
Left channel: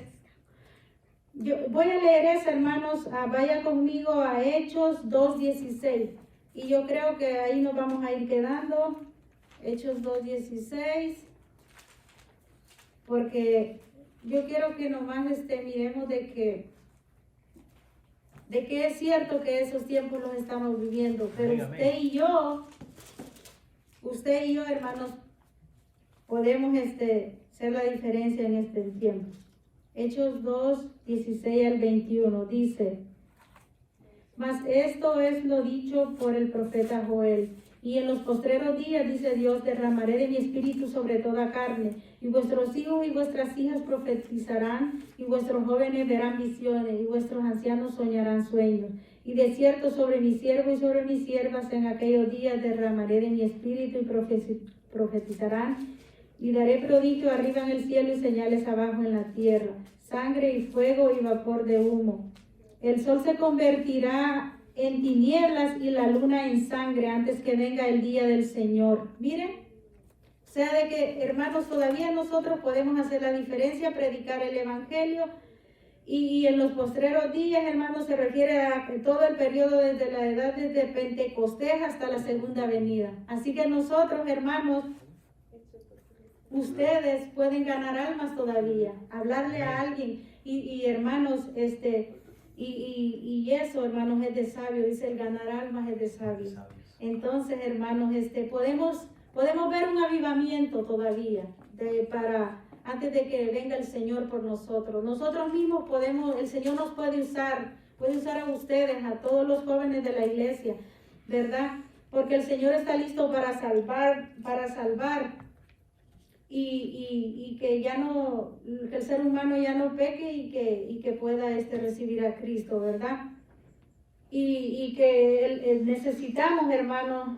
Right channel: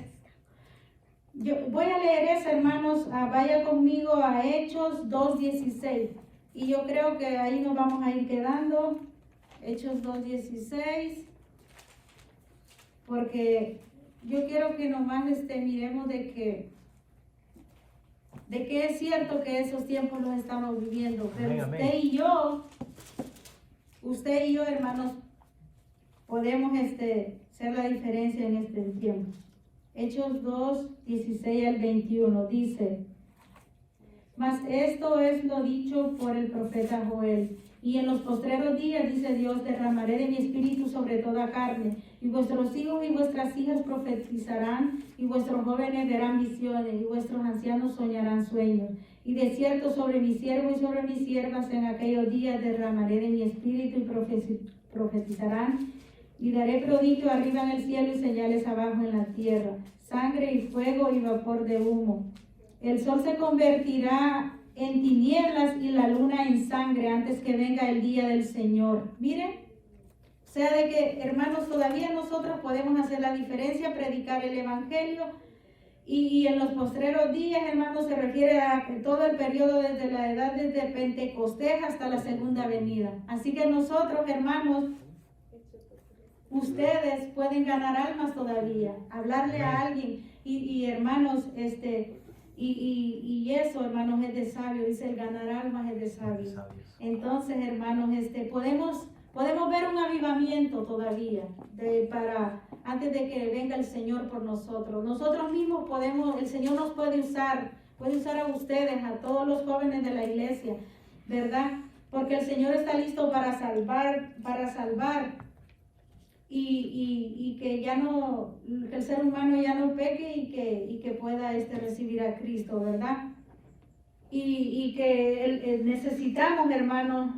Yo voy a leer eso, hermanos. Vaya conmigo a Hechos 2:16. Y yo creo que ahí nos vamos a ir quedando. Hechos 2:16. Porque yo quiero que nomás miremos de que es cierto que esos tiempos los estamos viviendo. Pero amén, usted y yo, hermanos, podemos hacer la diferencia en este tiempo. Hechos 2, 16 al 21 dice: mas esto es lo dicho por el profeta Joel. Y en los postreros días, dice Dios, derramaré de mi espíritu sobre toda carne, y vuestros hijos y vuestras hijas profetizarán, y vuestros jóvenes verán visiones, y vuestros ancianos soñarán sueños. Y de cierto sobre mi siervo y sobre mis siervas en aquellos días derramaré de mi espíritu y profetizarán. Y daré prodigio arriba en el cielo y señales abajo en la tierra, sangre y fuego y vapor de humo. El sol se convertirá en tinieblas y la luna en sangre antes que venga el día del Señor. Miren, o sea de que, hermanos, todavía nosotros podemos hacer la diferencia, predicar el evangelio. Y en los postreros días, hermanos, se refiere a todo el periodo desde la edad desde Pentecostés hasta la segunda venida. Así que nosotros, hermanos, ustedes pueden ganar almas todavía, hablarle a alguien y hermanos, y eso, hermanos, es de sabio, dice el ganar almas es de sabio. Entonces, hermanos, podemos ver un avivamiento todavía antes de que venga el Señor por nosotros. Nosotros mismos el Señor nos puede usar a ustedes, a todos los jóvenes de la iglesia, ¿verdad? Porque el Señor está listo para salvar, y que el ser humano ya no peque y que pueda recibir a Cristo, ¿verdad? Y que necesitamos, hermanos,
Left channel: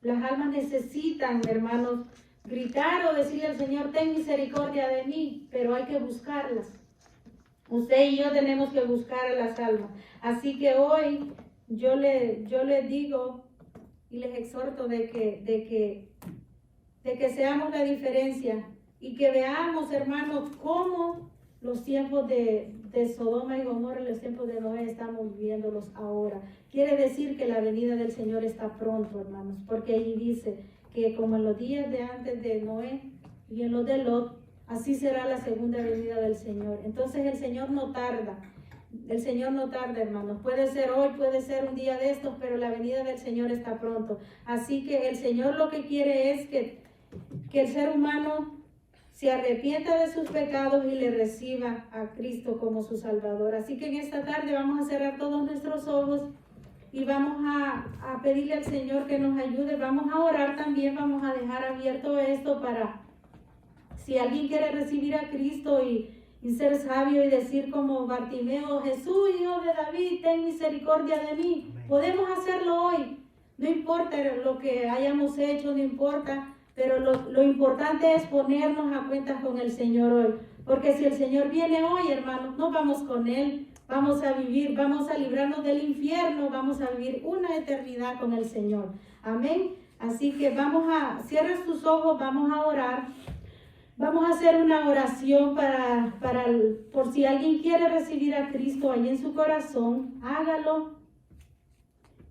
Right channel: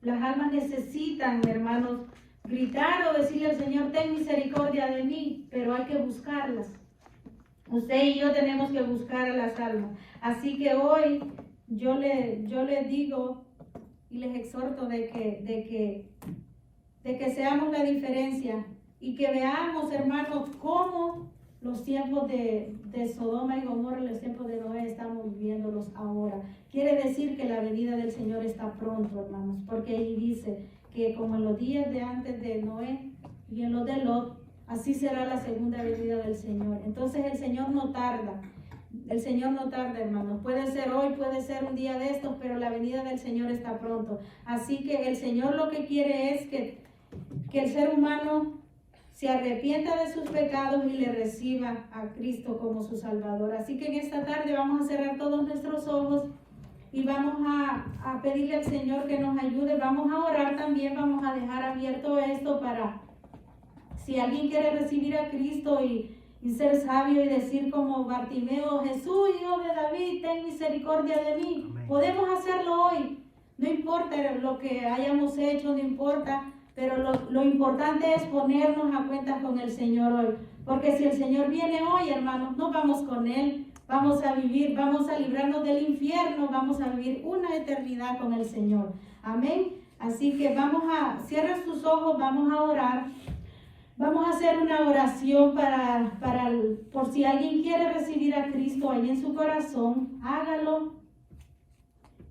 las almas necesitan, hermanos, gritar o decirle al Señor: ten misericordia de mí, pero hay que buscarlas. Usted y yo tenemos que buscar a las almas. Así que hoy yo les digo y les exhorto de que seamos la diferencia y que veamos, hermanos, cómo los tiempos de Sodoma y Gomorra, los tiempos de Noé, estamos viviéndolos ahora. Quiere decir que la venida del Señor está pronto, hermanos, porque ahí dice que como en los días de antes de Noé y en los de Lot, así será la segunda venida del Señor. Entonces el Señor no tarda. El Señor no tarda, hermanos. Puede ser hoy, puede ser un día de estos, pero la venida del Señor está pronto. Así que el Señor lo que quiere es que el ser humano se arrepienta de sus pecados y le reciba a Cristo como su Salvador. Así que en esta tarde vamos a cerrar todos nuestros ojos y vamos a pedirle al Señor que nos ayude. Vamos a orar también, vamos a dejar abierto esto para si alguien quiere recibir a Cristo y ser sabio y decir como Bartimeo: Jesús, hijo de David, ten misericordia de mí. Amén. Podemos hacerlo hoy. No importa lo que hayamos hecho, no importa. Pero lo importante es ponernos a cuentas con el Señor hoy. Porque si el Señor viene hoy, hermanos, no vamos con Él. Vamos a vivir, vamos a librarnos del infierno, vamos a vivir una eternidad con el Señor. Amén. Así que cierra tus ojos, vamos a orar. Vamos a hacer una oración por si alguien quiere recibir a Cristo ahí en su corazón, hágalo.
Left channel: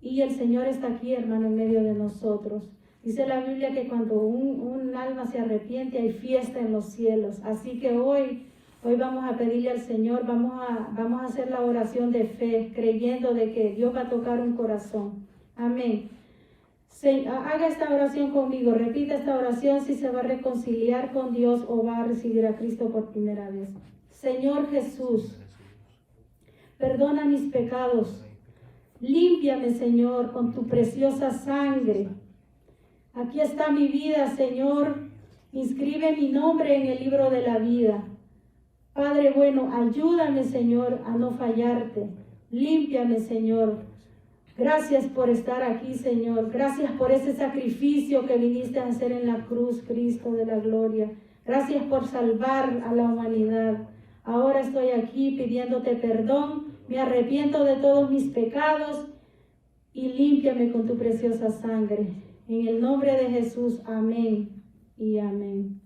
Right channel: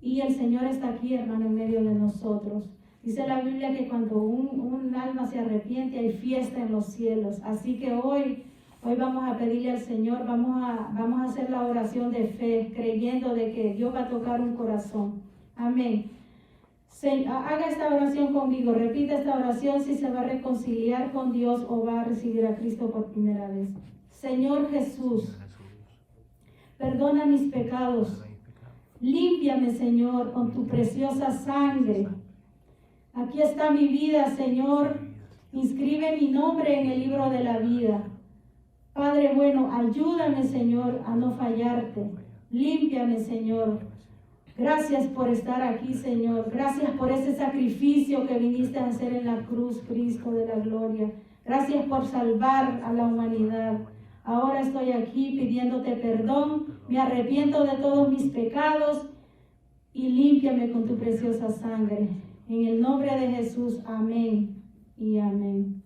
Y el Señor está aquí, hermano, en medio de nosotros. Dice la Biblia que cuando un alma se arrepiente hay fiesta en los cielos. Así que hoy vamos a pedirle al Señor, vamos a hacer la oración de fe, creyendo de que Dios va a tocar un corazón. Amén. Haga esta oración conmigo, repita esta oración si se va a reconciliar con Dios o va a recibir a Cristo por primera vez. Señor Jesús, perdona mis pecados, límpiame, Señor, con tu preciosa sangre. Aquí está mi vida, Señor, inscribe mi nombre en el libro de la vida. Padre bueno, ayúdame, Señor, a no fallarte, límpiame, Señor. Gracias por estar aquí, Señor. Gracias por ese sacrificio que viniste a hacer en la cruz, Cristo de la gloria. Gracias por salvar a la humanidad. Ahora estoy aquí pidiéndote perdón. Me arrepiento de todos mis pecados y límpiame con tu preciosa sangre. En el nombre de Jesús, amén y amén.